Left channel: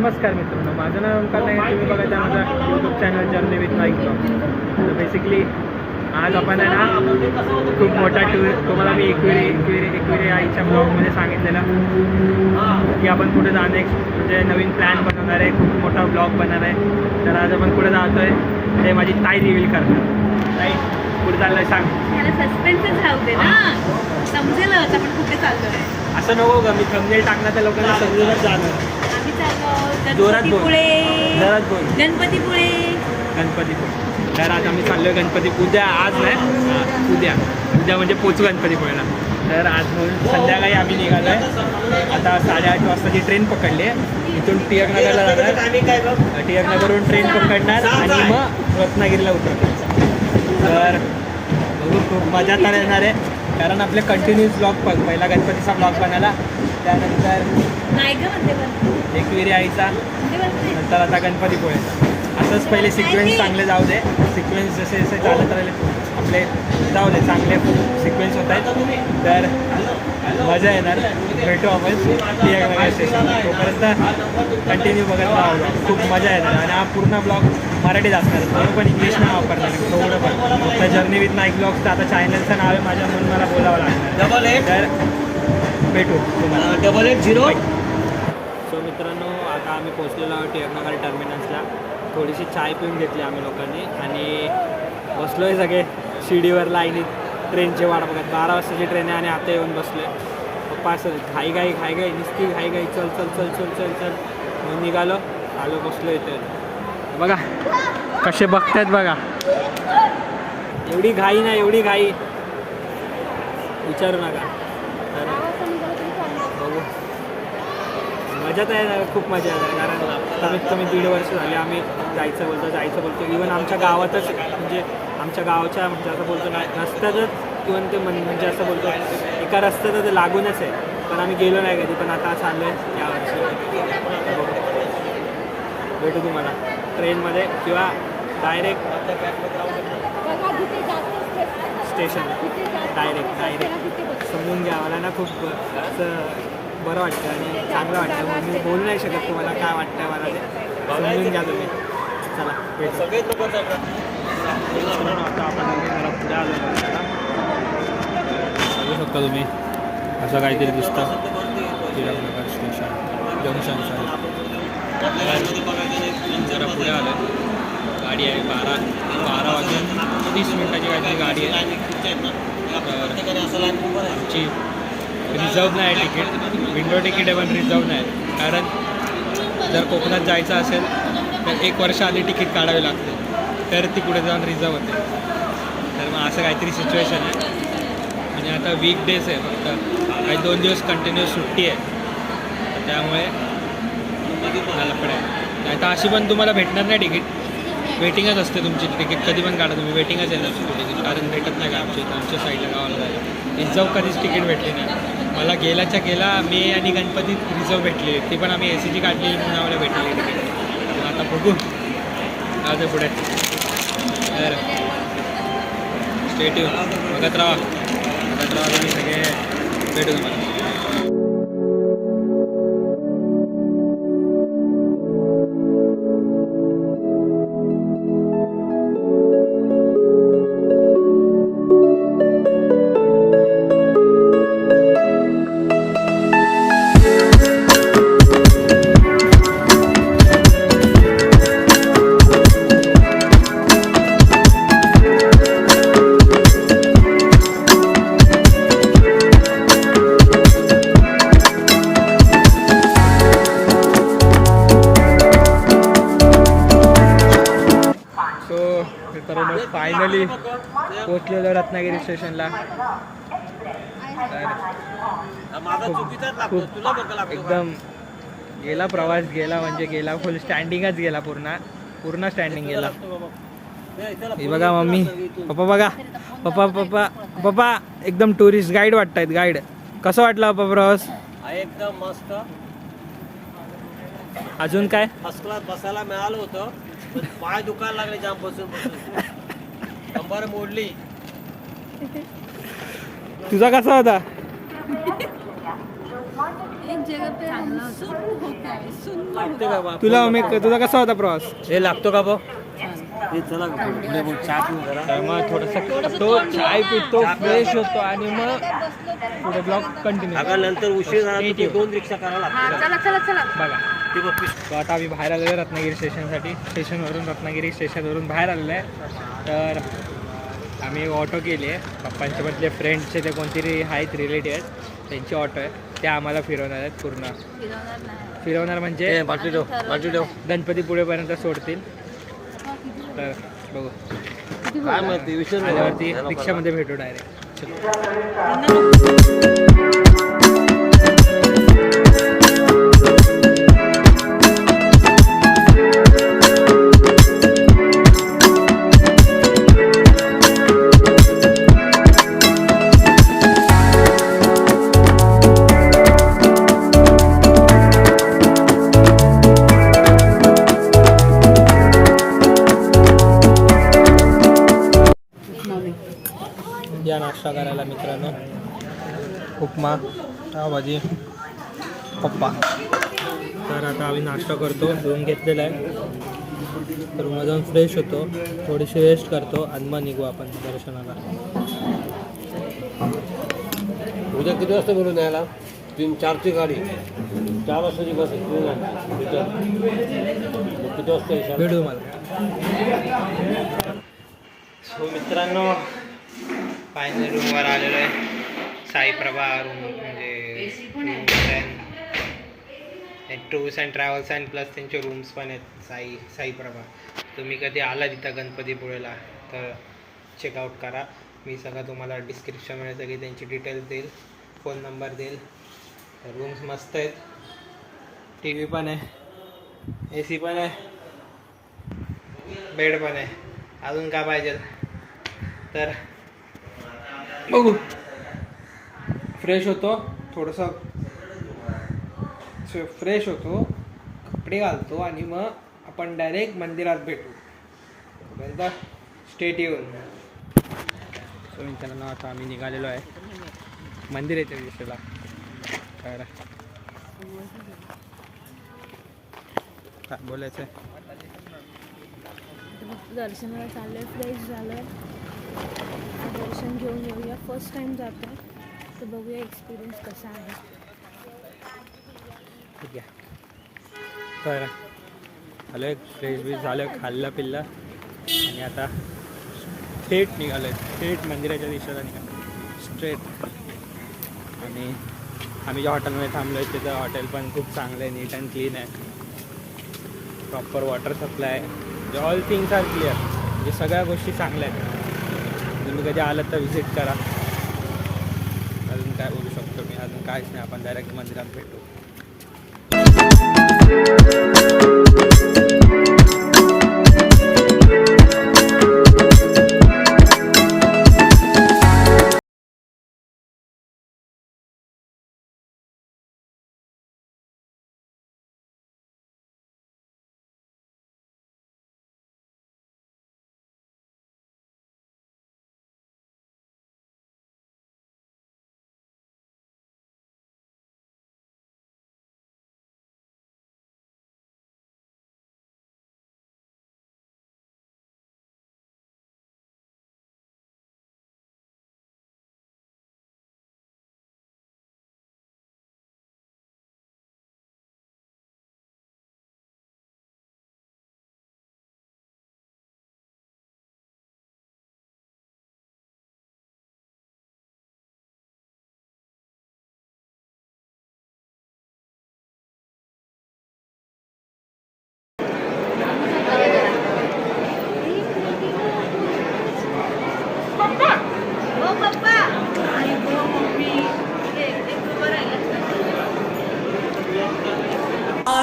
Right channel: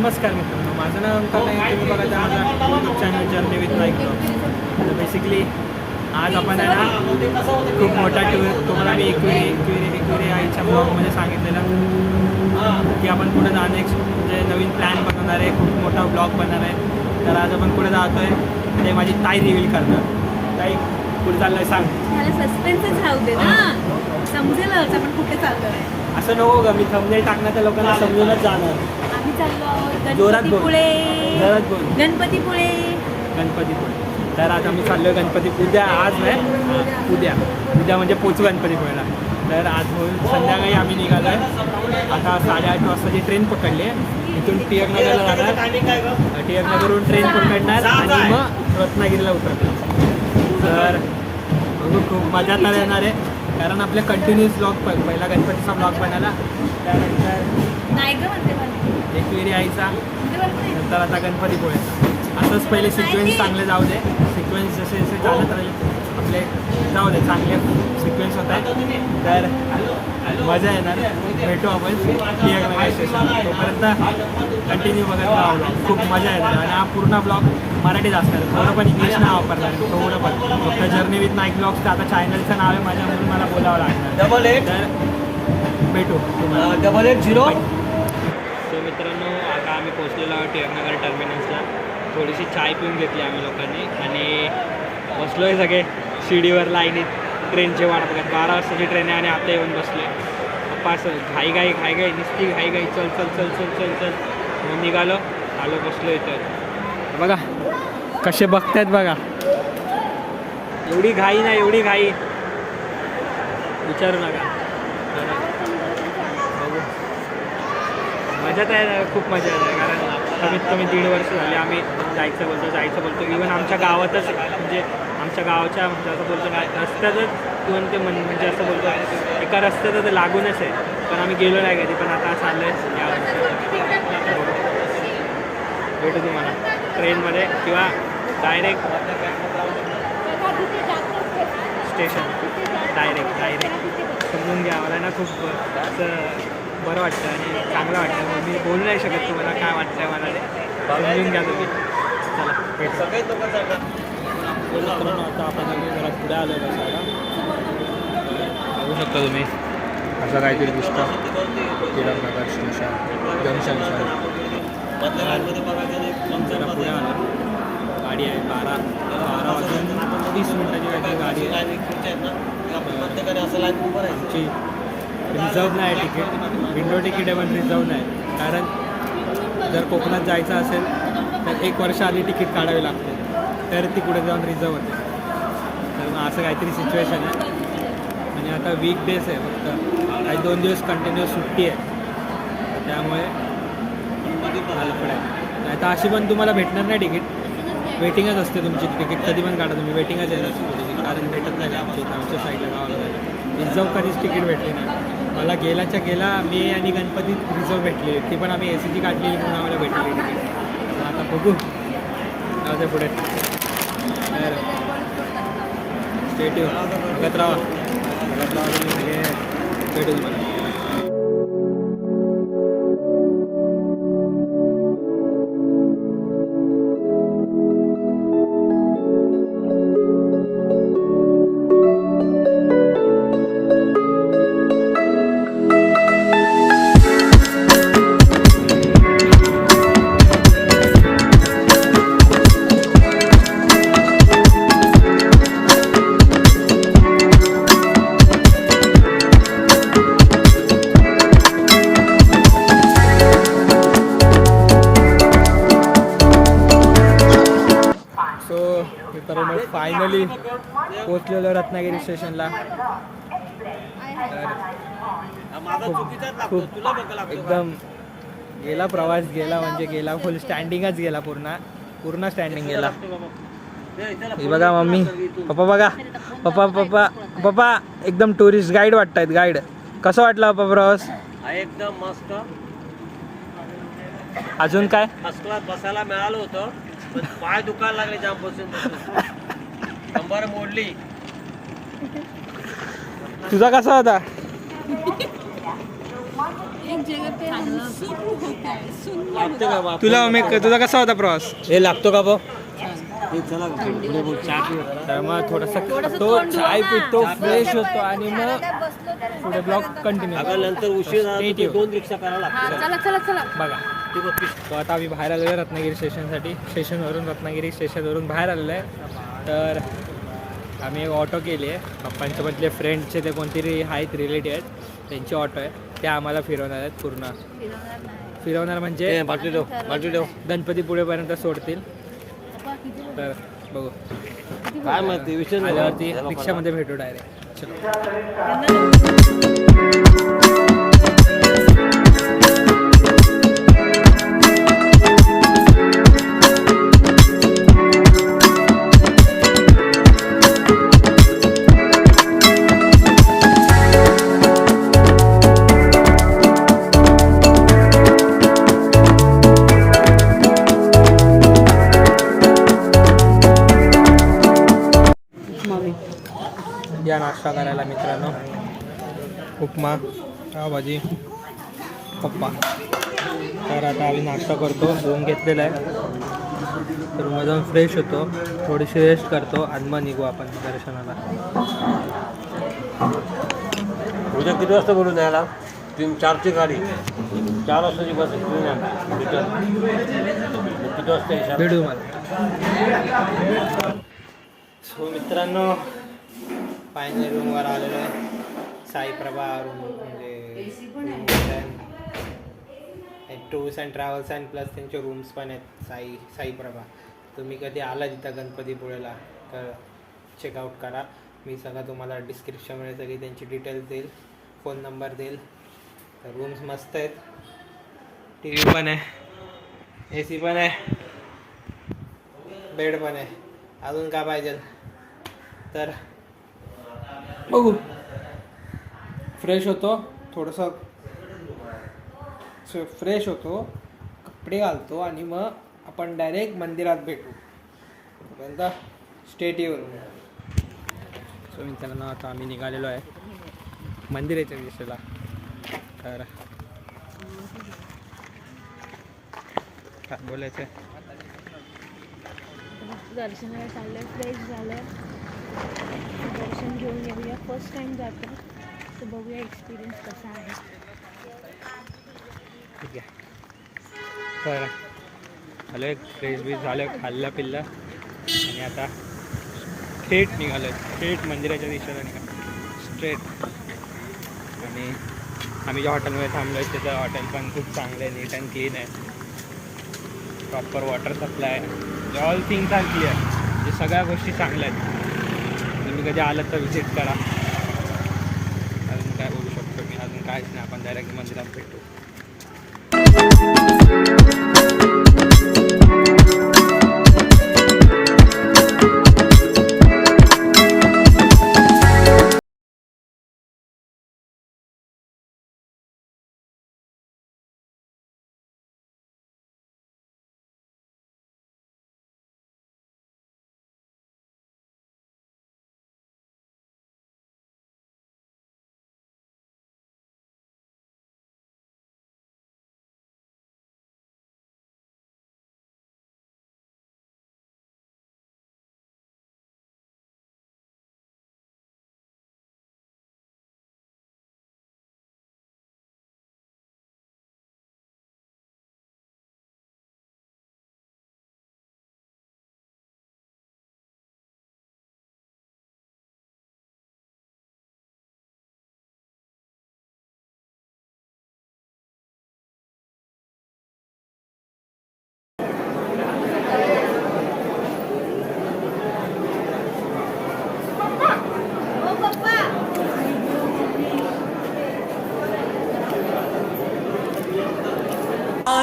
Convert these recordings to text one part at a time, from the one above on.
नमस्कार मित्रांनो, माझं नाव ओंकार नाईक. तुम्ही बघा माझा YouTube channel journey with Naik blogs. तर बेसिकली आज आपण आहे ना खूप मोठा टूर तुम्हाला मी एकविरी आईच्या ब्लॉगमध्ये सांगितलेलं की आपण पुढे जाणं म्हणजे नवीन प्लॅन बनवणार आहे, खूप मोठा ब्लॉग बनणार आहे. तर आज आपण पुढे जातो आहे, ते माझी ताई रिव्हील करणार. ताई पुढे चाललंय सांग. त्याला सस्पेन्सच राहू दे ना, समजेलच आपण कुठे चाललोय. असं नको का, मी थंबनेल टाकणार तर लोकांना समजूनच जाणार. आम्ही चाललो जोरात बोल. गणपतीपुळे. जोरात बोल. गणपतीपुळे. गणपतीपुळे. तर आज आम्ही चाललो गणपती उद्या, आज नाही उद्या म्हणजे पोचू गणपतीपुळेला. तर आज संध्याकाळी आम्ही निघालो आहे. आता 8:30 वाजताची ट्रेन पकडली आहे. इथून टिळकनगरला जाणार, टिळकनगरवरून ट्रेन पकडणार आणि मग रत्नागिरीला उतरणार. तर बघू, खूप मजा तर येणार आहे कारण आपले कंटिन्यूस ब्लॉग पहिला गणपतीचा ब्लॉग बनायला, त्यानंतर एकविरी आईचा, नंतर आता गणपतीपुळेचा. असंच पहिले सिक्वेन्स चांगले जाऊ दे. सिक्वेन्स जसे जसे चालत राहिले आपले जाऊ दे, चांगले सिक्वेन्स होत आहेत. तर मजा येणार. भेटू आपण टिळकनगर स्टेशन. तोपर्यंत कंटिन्यू बघत राहा ब्लॉग, खूप मजा येणार. आणि हा पूर्ण ब्लॉग मराठीत असणार, थोडं पण इंग्लिश नाही वापरणार, थोडं पण फक्त जर्नी विथ नाईक ब्लॉग्स. आता चॅनलचं नाव आहे माझ्या, म्हणून मला बोलावं लागणार. तर भेटू तुम्हाला 880. सो मित्रांनो, आता आम्ही पोचलेलो आहोत टिळकनगर टर्मिनल्सला. थोडीशी चाय पिऊन घेतली आम्ही लोकांनी आणि बसलो आहे सगळे शिडीवर लाईनीत ट्रेनची वाट बघत. 12 वाजताची ट्रेन आहे आणि आता येऊन बसलो आहे. पप्पा असं घाई नुसती घाई चल चल चल चल चल चल म्हणून निघालो, आलो, बसलो इथं. बघा कसे बघतात बघा. एवढी घाई ना, एवढी घाई विचारू नका. तर बघू, मजा तर आहे, खूप मजा येणार. कारण कमीत कमी 1.5 वर्ष झाली आम्ही जायचं बोलतो. इवन आमच्या गावातच, म्हणजे आमच्या गावाच्या म्हणजे असं बोलतो काय रस्त्यातच, इवन ते म्हणजे असं बोलतो एका रस्त्यात ते लागूनच आहे, पण आम्ही गेलो नाही कधी. पण आता चाललं आहे यावर्षी. बघू, भेटू तुम्हाला ट्रेनमध्ये किंवा डायरेक्ट स्टेशन. डायरेक्ट समजून घ्या. मला ना खूप असं बरं वाटतं आणि चांगलं वाटतं. मग मी बोलू नाही शकत तुम्हाला काय वाटतं आहे मला, ते समजून घ्या तुम्ही. चला भेटू. आता आपण जरा पुढे आलेलो आहे. बघू शकता तुम्ही, असं काहीतरी दिसतं टिळकनगर स्टेशन जंक्शन साईड. जरा पुढे आलो आहे. गाडी आहे 12 वाजून 30 मिनिटाची काहीतरी गाडी आहे. तर आमची रिझर्व नाही आहे तिकीट, विंडो तिकीट आहे पण रिझर्व नाही. कारण जर कोकणात जायचं असेल तर 1 वर्ष आधी तिकीट काढावे लागते, तर ती कुठे जाऊन रिझर्व होते. तर मग असं काहीतरी सिच्युएशन आहे. आणि आता वीकडेज आहे, फक्त काही 2 दिवस कंटिन्युअस सुट्टी आहे. तर त्यामुळे हा लफडा आहे. नाही तर अशी पण तुम्हाला भेटणार नाही तिकीट, वेटिंगच असते तुमची. तिकीट कधी पण काढा तुम्ही, वेटिंगच येणार तुमची तिकीट. कारण भेटत नाही का आमच्या साईडला गावाला जायला. रिझर्व कधीच तिकीट भेटली नाही. मला गेला मी आणि गणपतीत रिझर्व भेटली, ती पण आम्ही ACची काढलेली म्हणून आम्हाला भेटलेली तिकीट. तर मग आता बघू जाऊ दे पुढे. तर स्टेट बघत राहा तुम्ही सगळे. भेटू तुम्हाला. मित्रांनो, फायनली पोचलेलो रत्नागिरी स्टेशनला. तर खूप एकदम गेला प्रवास, गेला म्हणजे गेला, फुल स्टँडिंगच गेला, पूर्ण स्टँडिंग गेला. हे बघा मम्मी, पप्पा बघा, पप्पा एकदम टुरिस्ट गाईड वाटतायत. गाईड कसं वाटलं पप्पा प्रवास? एकदम मस्त. अजून काय फर्स्ट क्लास बसायला मिळालं होतं, पण पाय दुखायला लागले जाम बसून कंबर मोडली. तुझा कसा होता? एक जगह पे हम सुन हो गए, सुन तुला कसा होता प्रवास? हे लागतो का बघ चला पुढे बोल चहा पिऊ जरा. तर मग थोडंसं तो चाय पितो फ्रेश होतो आणि मग पुढे ब्लॉग कंटिन्यू. अगं नंतर उशीर झाला तर ते 2 रिक्षा करायला लागतात. चला चला चला. बघा ते बघ तो आता आम्ही बाहेर आलेलो आहे रत्नागिरी स्टेशनसाठी. स्टेशनवरून रत्नागिरी स्टेशनवरून बाहेर आलेलो आहे. तर आम्ही ऑटो केली आहे. पप्पांच्या मधले फ्रेंडचे ते कोणतरी आहेत रिलेटिव्ह आहेत त्यांची ऑटो आहे. ते आम्हाला फिरवणार आहेत पूर्ण. फिरवणार म्हणजे बाटली ठेव गणपती पुढेपर्यंत सोडतील. तर बघू काय माहिती विषय आल्यावरती रिक्षामध्ये भेटू डायरेक्ट. या नाश्ता करायला मित्रांनो. उपमा पावभाजी पप्पा. तर आता आम्ही नाश्ता करतो. रूम घेतलेला आहे. रूममध्ये जाऊन फ्रेश होतो, थोडीशी रेस्ट करतो आणि मग निघू आपण दर्शनाला. उद्या किती वाजता बोलून यायला? 3-4ची गाडी 4 वाजताची बस किती वाजता येशाल? भेटू मला. सो मित्रांनो फायनल रूमवर आलेलो आहे. साईप्रभा रूम म्हणजे tours and travels and plus त्यांचे रूम्स पण आहेत साईप्रभा. तुम्ही कधी आला तिथं गणपतीपुळेला तर चेकआउट करा. मी सगळं तुम्हाला डिस्क्रिप्शनमध्ये सगळी त्यांची डिटेल्स देईल, फोन नंबर देईल. तर रूम्स मस्त आहेत. टी व्ही पण आहे, AC पण आहे, बेड पण आहे. अजून काय पाहिजे? तर बघू. फ्रेश होतो, थोडंसं फ्रेश होतो, कपडे घालतो आणि मग आपण डायरेक्ट मंदिरात भेटू. तोपर्यंत स्टेट येऊन सो मित्रांनो आता आम्ही निघालेलो आहे मंदिराच्या दिशेला. तर काय बोलायचं आहे? दर्शनाला चाललंय, फ्रेश झालंय, दर्शन घेऊन येऊया. फर्स्ट टाइम जातो तर बघूया एक्सपिरियन्स कसा आहे. ठीक आहे. तर आलं आहे, फ्रेश बीस झालं, खाल्लं पिल्लं आणि आता थेट निघालो आहे. थेट मंदिराच्या दिशेला निघालो स्ट्रेट. आणि आम्ही ज्या हॉटेलमध्ये थांबलो आहे त्याचं हॉटेल पण खूप चांगलं आहे, नीट अँड क्लीन आहे. प्रॉपर वॉटर सप्लाय आहे. All things are clear. म्हणजे सगळ्या गोष्टी चांगल्या आहेत. तुम्ही कधी आलात तर व्हिजिट करा. अजून काय बोलू शकतो मी? अजून काहीच नाही. आपण डायरेक्ट मंदिरात भेटू.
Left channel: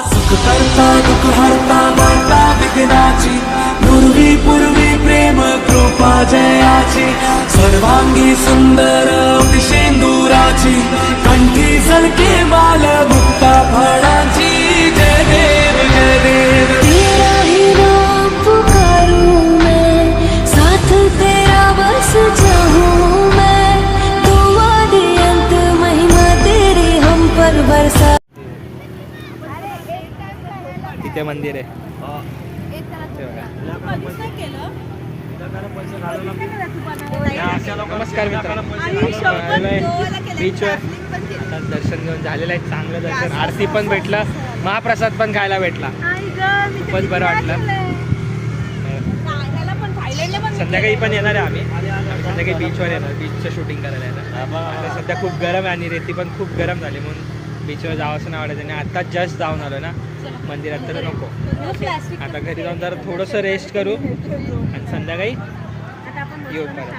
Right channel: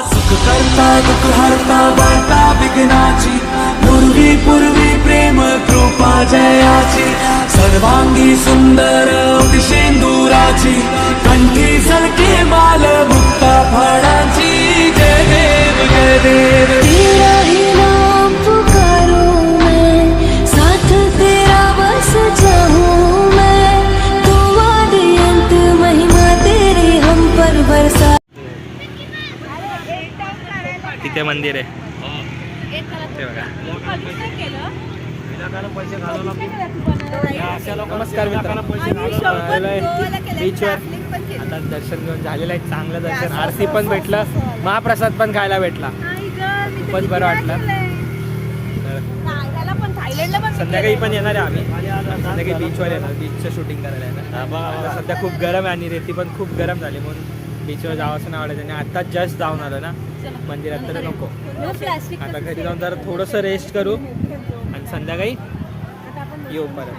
सुख करता दुःख हरता वार्ता विघ्नाची पूर्वी पूर्वी प्रेम कृपा जयाची सर्वांगी सुंदर शेंदुराची कंठी झलके माल मुक्ता फळाची जय देव जय देव तेरा ही नाम पुकारूं मैं साथ तेरा बस चाहूं मैं दुआ दे अंत महिमा तेरी हम पर बरसा. इथे मंदिर आहे ते बघा. नमस्कार मित्रांनो, बीचवर आता दर्शन घेऊन झालेलं आहे, चांगलं दर्शन, आरती पण भेटलं, महाप्रसाद पण खायला भेटला, खूपच बरं वाटलं. संध्याकाळी पण येणार आहे आम्ही, संध्याकाळी बीचवर येणार, बीचचं शूटिंग करायला येणार. आता सध्या खूप गरम आहे आणि रेती पण खूप गरम झाली म्हणून बीचवर जावं असं नाही वाटत. आणि आता जस्ट जाऊन आलो ना मंदिरात तर नको, आता घरी जाऊन जरा थोडंसं रेस्ट करू आणि संध्याकाळी येऊ परत.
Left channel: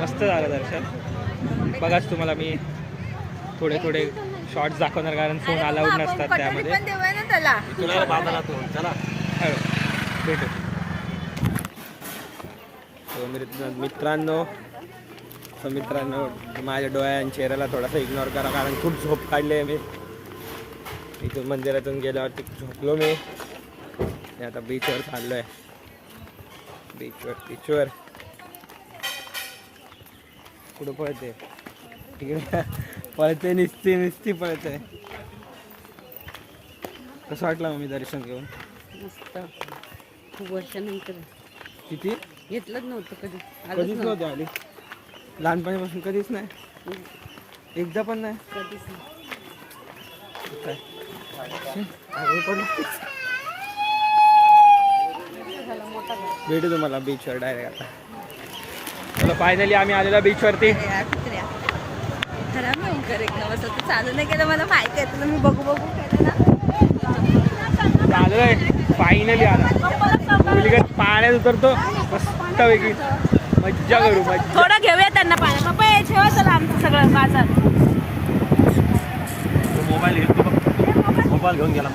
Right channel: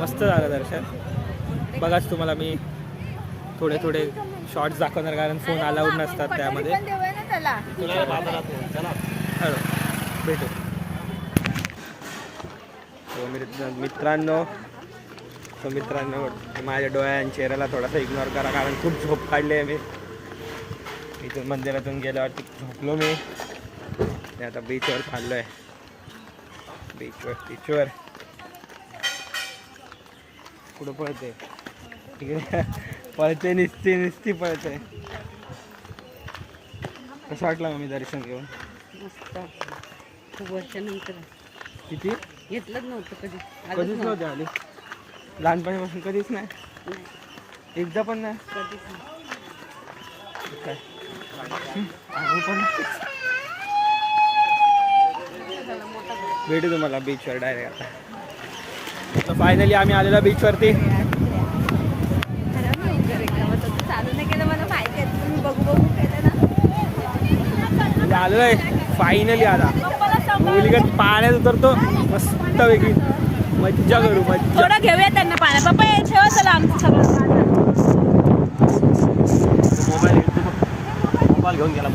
मस्त झालं दर्शन. बघाच तुम्हाला मी थोडे थोडे शॉर्ट्स दाखवणार कारण फोन अलाउड नसतात त्यामध्ये. हॅलो भेटू. मित्रांनो माझ्या डोळ्या आणि चेहऱ्याला थोडासा इग्नोर करा कारण खूप झोप काढली आहे मी. इथून मंदिरातून गेल्यावर झोपलो मी. आता बीचवर चाललो आहे, बीचवर कुठं पळते तिकडे पळते, निस्ती पळते. कसं वाटलं मग मी दर्शन घेऊन? मस्त. खूप वर्षानंतर किती घेतलंच नव्हतं कधीच नव्हते आली, लहानपणीपासून कधीच नाही, एकदा पण नाही. कधीच नाही. काय पण भेटू तुम्हाला बीचवर डायरेक्ट. आता चला फायनली आम्ही आलेलो बीचवरती. चालू नाही केलं, मला माहिती आहे तुला, मी बघू केलं ना. आलोय फायनली, आला मुलगत पाण्यात उतरतो मस्त वेगळी मज्जा करू, मज्जा. थोडं घेऊया त्यांना पाण्यात. बाबा ठेवा चला आमचं सगळं बाजार. मोबाईल घेऊन गेला तर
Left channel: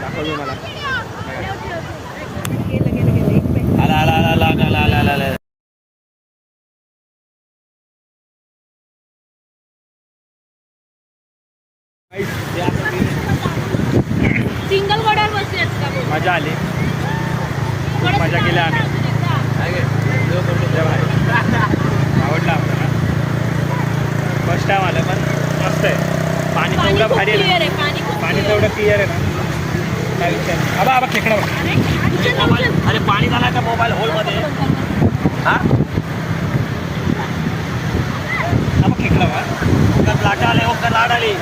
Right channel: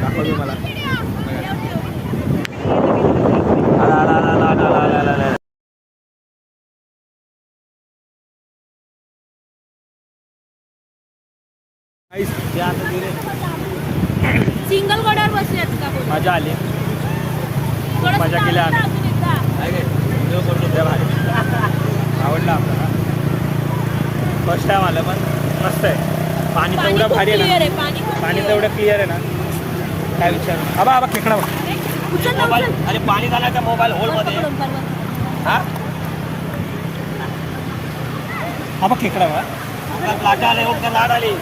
दाखवतो मला. सिंगल गड्यावर बसलेत का? मजा आली, खूप मजा केली आम्ही. आवडला आपल्याला, फर्स्ट टाइम आलं पण मस्त आहे. पाणी तेवढं भारी आहे ना, पाणी तेवढं क्लिअर आहे ना, काय विचार. आबा खेकडा बघ. मोबाईल. अरे पाणी घालायचा मोबाईल होलमध्ये. हा आबा खेकडा बघा. ओंकार लाटा आले, ओंकार लाड आली.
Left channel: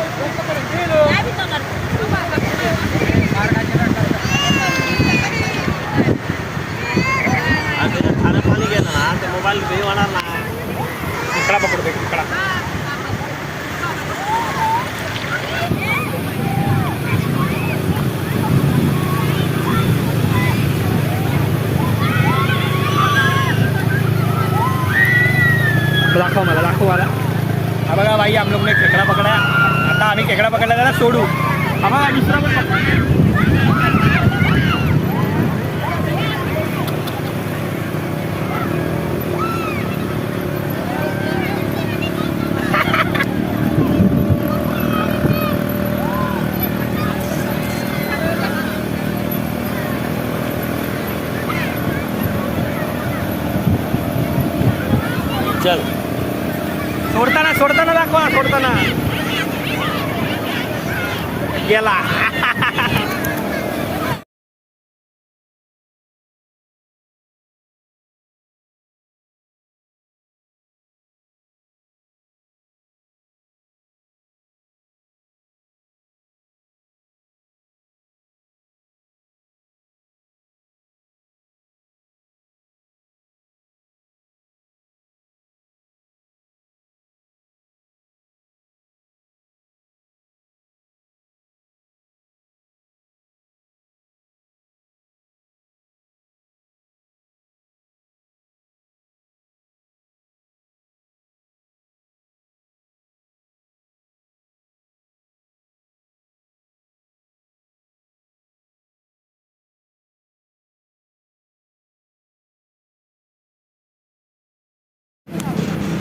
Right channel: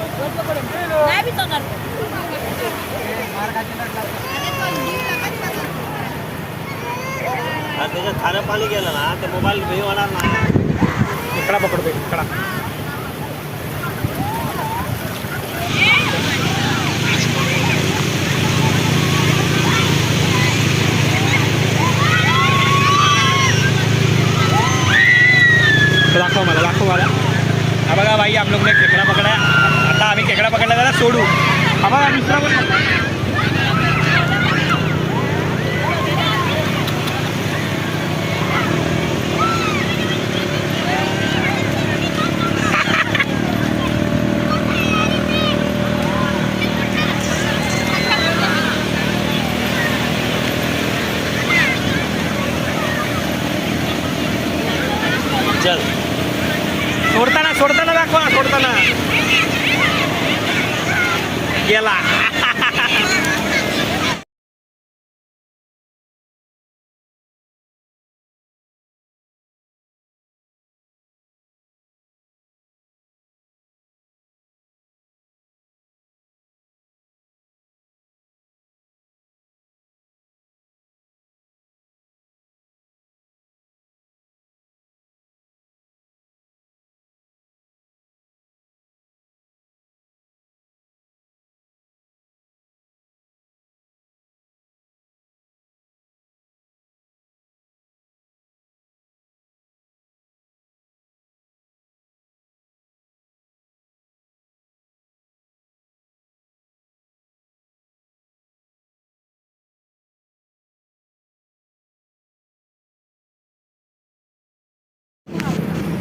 त्याच्यात खाणं पाणी गेलं ना तर मोबाईल हे होणार ना. खेकडा पकडतो खेकडा. दाखव मला. हा बघा भाई, हम लोग ने खेकडा पकड़ा. आता आम्ही खेकडा पकडला त्याला सोडू. हा बघा दुसरा पण चल. सोडताना दाखवा. सोडताना गेला.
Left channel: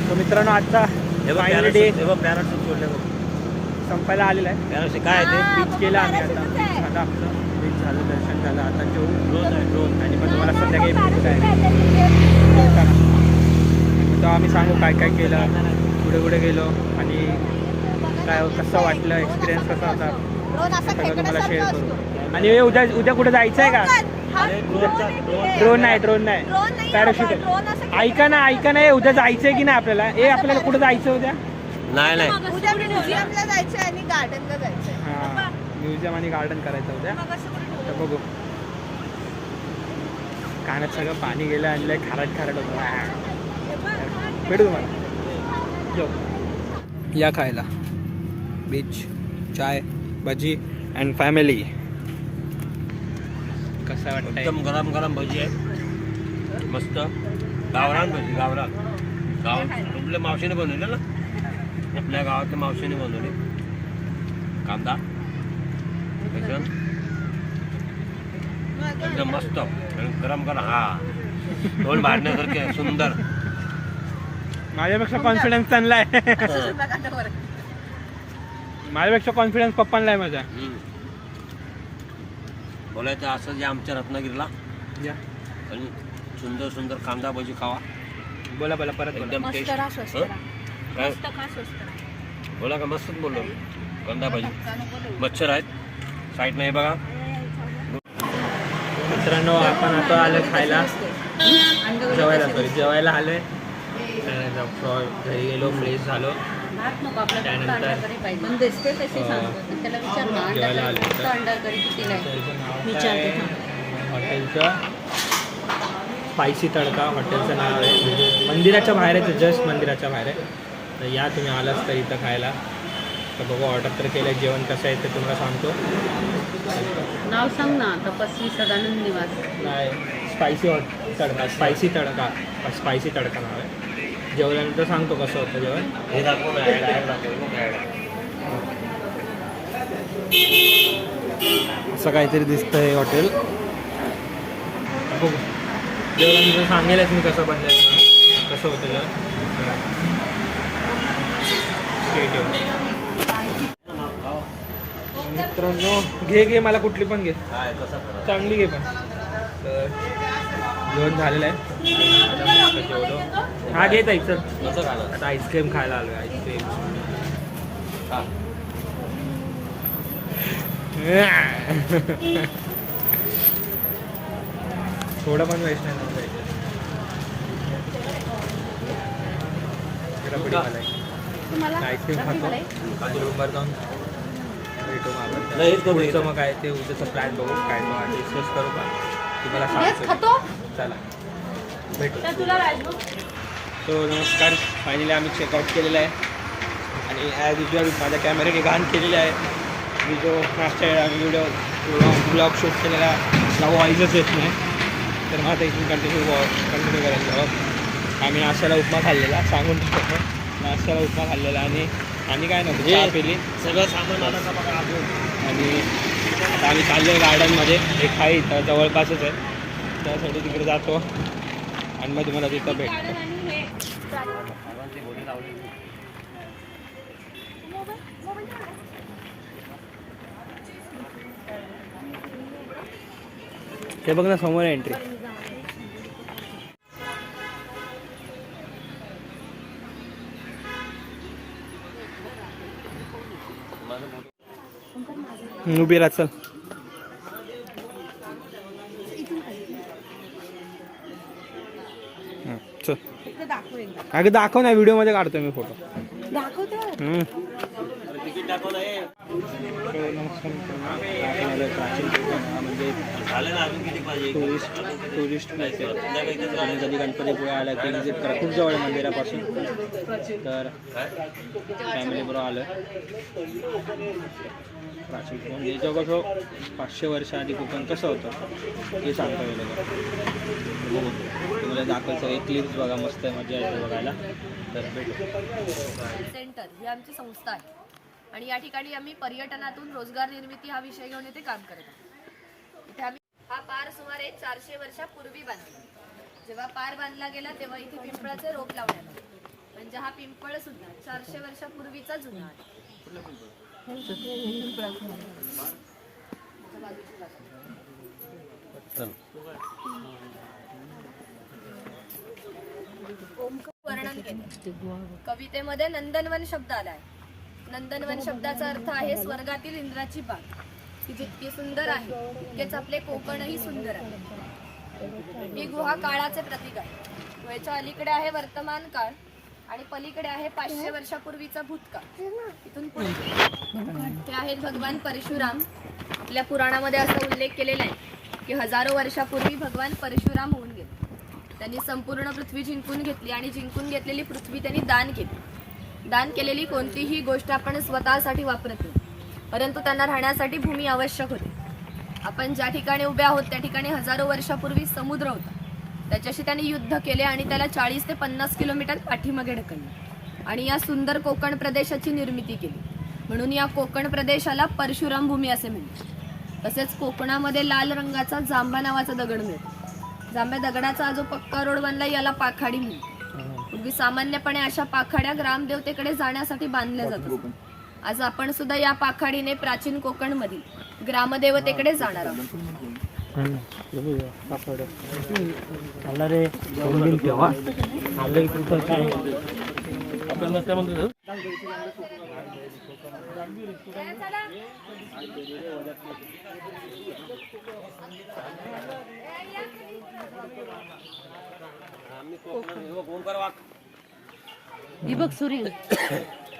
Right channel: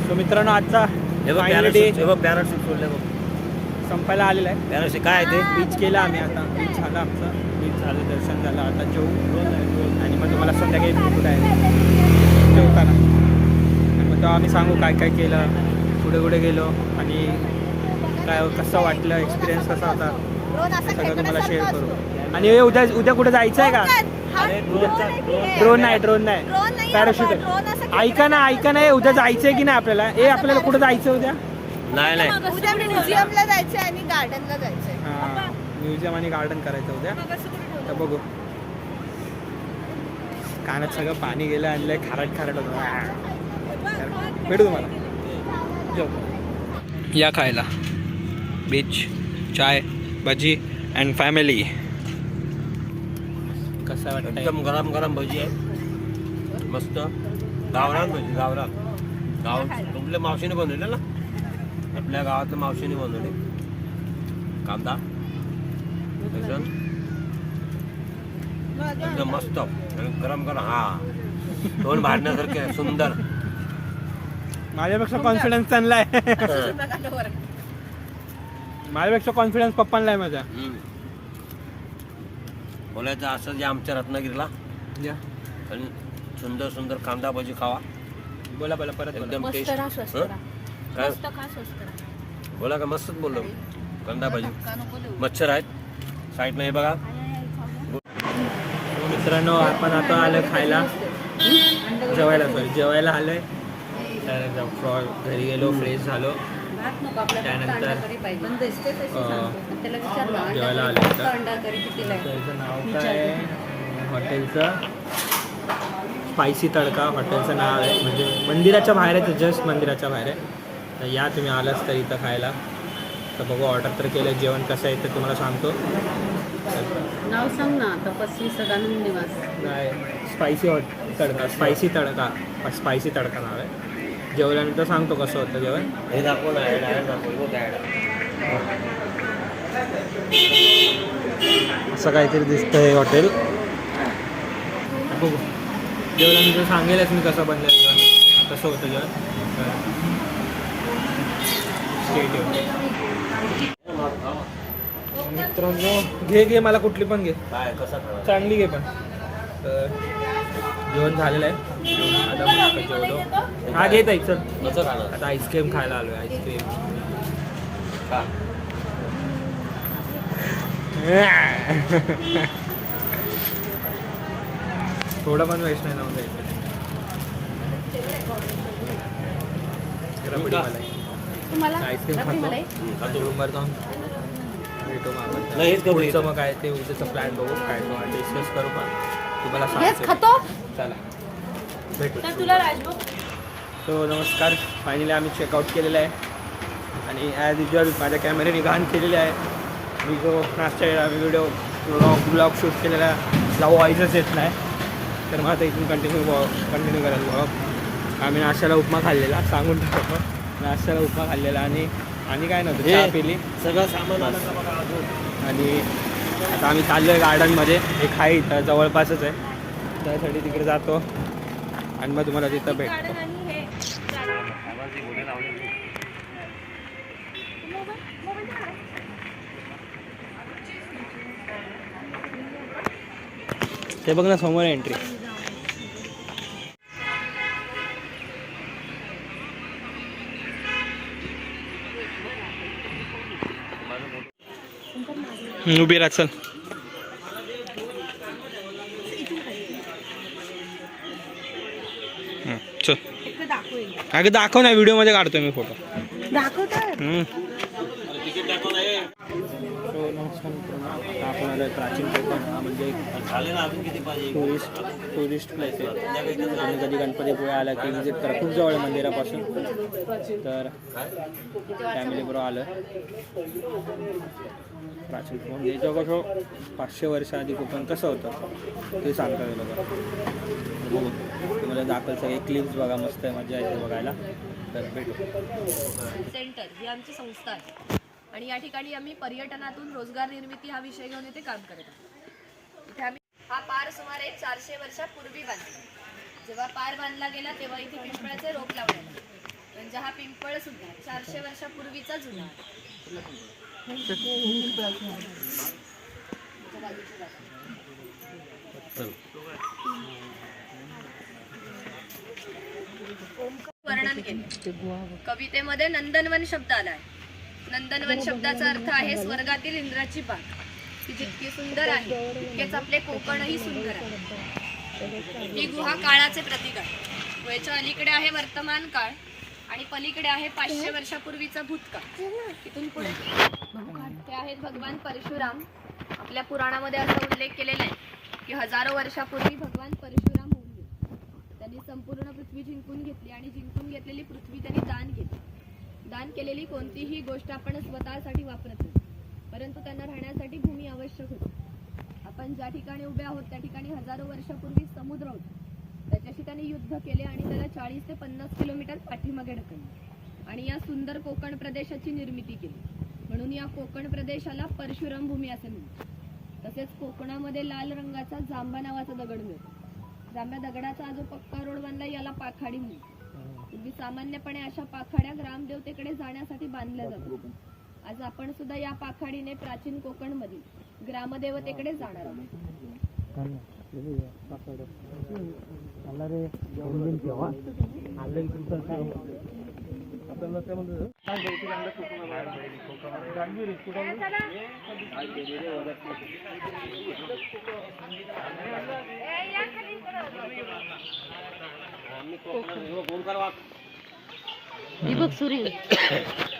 तो मित्रांनो आजचा फायनल डे पॅराशूट सोडले बघ. संपायला आलेला आहे. पॅराशूट काय आहे ते? बीच केला आम्ही. आता बीच झालं आमचं, बीच झालं, दर्शन झालं. आता जेवू आणि मग तुम्हाला संध्याकाळी भेटू काय जेवताना. आणि मग तेव्हा आम्ही सांगू काय काय केलं, कुठे कुठे गेलो आणि काय कसं वाटलं, एक्सपिरियन्स कसा होता ते सगळं तुम्हाला शेअर करू. आणि हे उद्या उद्या कुठे जायचं आहे का? ड्रोन नाही पॅराशूट आहे. ऐका ना हे उद्या जायचं आहे की नाही आपल्याला? आपल्याला कुठं जायचं उद्या? नाही म्युझियमला जायचं आणि गार्डनला जायचं. हां, म्युझियम आणि गार्डन करायचं उद्या. तर बघू. कानात सगळं पाणी गेलं आणि लय खारट होतं. भेटू तुम्हाला या खायला. Beach, chai, bhaji and family. कसं वाटतंय? एकदम गरम गरम भजी आहे, मस्त गावरान भजी. गाव आपल्या मावशीने बनवले ना, आपल्या गावातल्या मावशीने बनवले. कांदा एकदम मस्त गरम हा तोंड भाडण्यासारखे सुंदर. माझ्यापेक्षा कॉन्फिडन्स चांगला आहे. माझ्यापेक्षा कॉन्फिडन्स पप्पांना आहे माझ्या. बोलायचं असं जे आमच्या रत्नागिरीला आणि सुंदर कांदा भजी खावा. बोला परत एकदम टेस्ट. काय बोला का? मस्तच बोललो. कांदा भजी, मच्छर आहेत साईडनं, हे बघा. मित्रांनो, आपण आता आलोय खायला, जेवायला आलोय. त्यानंतर घरी गेलो, फ्रेश झालो. भात नको आपल्याला, त्यानंतर अंडा करी पाहिजे. दिसते तशी सांगतो. त्याला विचार ना, जेवायला आले तर. अंडा करी कितीला आहे? हॉटेलचं नाव काय? हॉटेलचं स्पायसी तडका हॉटेलचं नाव आहे. म्हणजे मंदिराच्या बाहेर आहे, जस्ट मंदिराच्या बाहेर आहे. तर या तुम्ही आलाच तर इथं खायला. तर बघू, ऑर्डर तर केलं. जेवण कसं आहे ते तुम्हाला सांगतो. नाव सांग ना. तपस्वी सदानंद निवास. नाही, स्पायसी तडका नाव आहे. जेवल्यानंतर सांगतो कसं होतं जेवण. हे दाखव ना, ॲड दाखव. असं काहीतरी दिसतं हे हॉटेल. बघू, जेवल्यानंतर सांगेलच मी कसं बनलं, कसं होतं जेवण. मित्रांनो, घे मला कुठली पण घे, काय कसं चांगली घे पण. तर जेवण झालेलं आहे. आता मस्त जेवलो. हा घेत आहे सर. कसं झालं? आता आईस्क्रीम खायला आलो आहे. आईस्क्रीम थोडं पण वेस्ट नाही नव्हतं. रबडी मला आईस्क्रीम खातो आणि रूमवर जाऊन भेटू मग आपण. पुढचं मग काय ते उद्याचं प्लॅन बघू, काय तो डिस्कस करू. पण तुम्हाला सांगतो. चला भेटू. तो नमस्कार. फायनली आम्ही चेकआउट केलेलं आहे आणि ॲज युजल माझ्या कॅमेऱ्याने घाण केलेली आहे. मी जो नाश्ता व्हिडिओ ब्लॉग शूट केलेला ला व्हॉईसच येत नाही. तर मग आता इथून कंटिन्यू करेल ब्लॉग. आम्ही नाश्त्याला उपमा खाल्लेला, सांगून टाकतो. नाश्त्याला उपमा खाल्लेला आणि काय नव्हतं, चहा पिली. सगळं सामान आलं का बघा अजून. आणि आता आम्ही चाललो गार्डनमध्ये. एक आहे इथं जवळपासच आहे, त्यासाठी तिकडे जातो आणि मग तुम्हाला तिथं भेटतो. ते बघ ना समोर एंट्री. उभी राहा, चल. चल अगं दाखव ना, व्हिडिओ मध्ये काढतोय मी फोटो. आपण आलोय प्राचीन कोकण, म्हणजे टुरिस्ट प्लेस आहे. तुम्ही कधी गणपतीपुळे आला की विजिट करा. खूप जवळ आहे मंदिरापासून. तर फॅमिली बरोबर आलो आहे. प्राचीन कोकण म्हणजे जवळजवळ 500 वर्ष आधी कोकण कसं होतं हे सांगता येईल. बघू तुम्हाला दाखल सगळे क्लिप्स बघा, मस्त आहे, मजा येते बघायला. तर भेटू. सेंटर ही आमची संस्था आहे आणि या ठिकाणी आम्ही पर्यटनातून रोजगार निर्मिती हा विषय घेऊन इथे काम करत आहोत. इथे आम्ही हा पार सुमारे 400 वर्षापूर्वी बांधला. जेव्हा पार बांधला गेला तेव्हा इथे पिंपळाचे रोप लावण्यात आले. म्हणजे हा पिंपळ सुद्धा 400 वर्षापूर्वीचा जुना वर्णन वर्णन केलं. कवितेमध्ये नंदनवन शब्द आलाय. नंदनवन शब्दाचा अर्थ आहे स्वर्गातील इंद्राची बाग. ती जितकी सुंदर आहे तितकेच आपले कोकणही सुंदर आहे. ही गुहा काळाचे प्रतीक आहे. गुहेच्या अलीकडे आहे वर्तमान काळ आणि पलीकडे आहे 500 वर्षापूर्वीचा भूतकाळ. इथून पुढे ते आहेत भगवान परशुराम. आपल्या पुराणामध्ये असा उल्लेख केलेला आहे की हजारो वर्षापूर्वी भगवान परशुराम होऊन गेले. त्यांनी संपूर्ण पृथ्वी जिंकून घेतली आणि जिंकून घेतलेली पृथ्वी त्यांनी दान केली. दान केलेली कोणतीही गोष्ट आपण स्वतःसाठी वापरत नाही, परंतु त्यांना राहण्यासाठी भूमी आवश्यक होती. आपण ज्या ठिकाणी उभे आहोत त्या ठिकाणी हजारो वर्षापूर्वी समुद्र होता. त्याच्याशी त्यांनी युद्ध केले आणि त्याला 40 ते 50 किलोमीटर पाठीमागे ढकलले आणि या सुंदर कोकण प्रदेशाची निर्मिती केली. म्हणून या कोकण प्रदेशाला परशुराम भूमी असे म्हणतात. तसेच कोकणामध्ये लाल रंगाचा जांभा नावाचा दगड मिळतो. जांभ्या दगडाचा जो पक्का रोड बनला याला पाखाडी म्हणतात. पूर्वी सामान्यपणे अशा पाखाड्या ग्रामदेवतेकडे जाण्यासाठी बांधल्या जातात. आज आपण सुद्धा या पाखाडीने प्राचीन कोकणमधील ग्रामदेवतेकडे जाणार आहोत.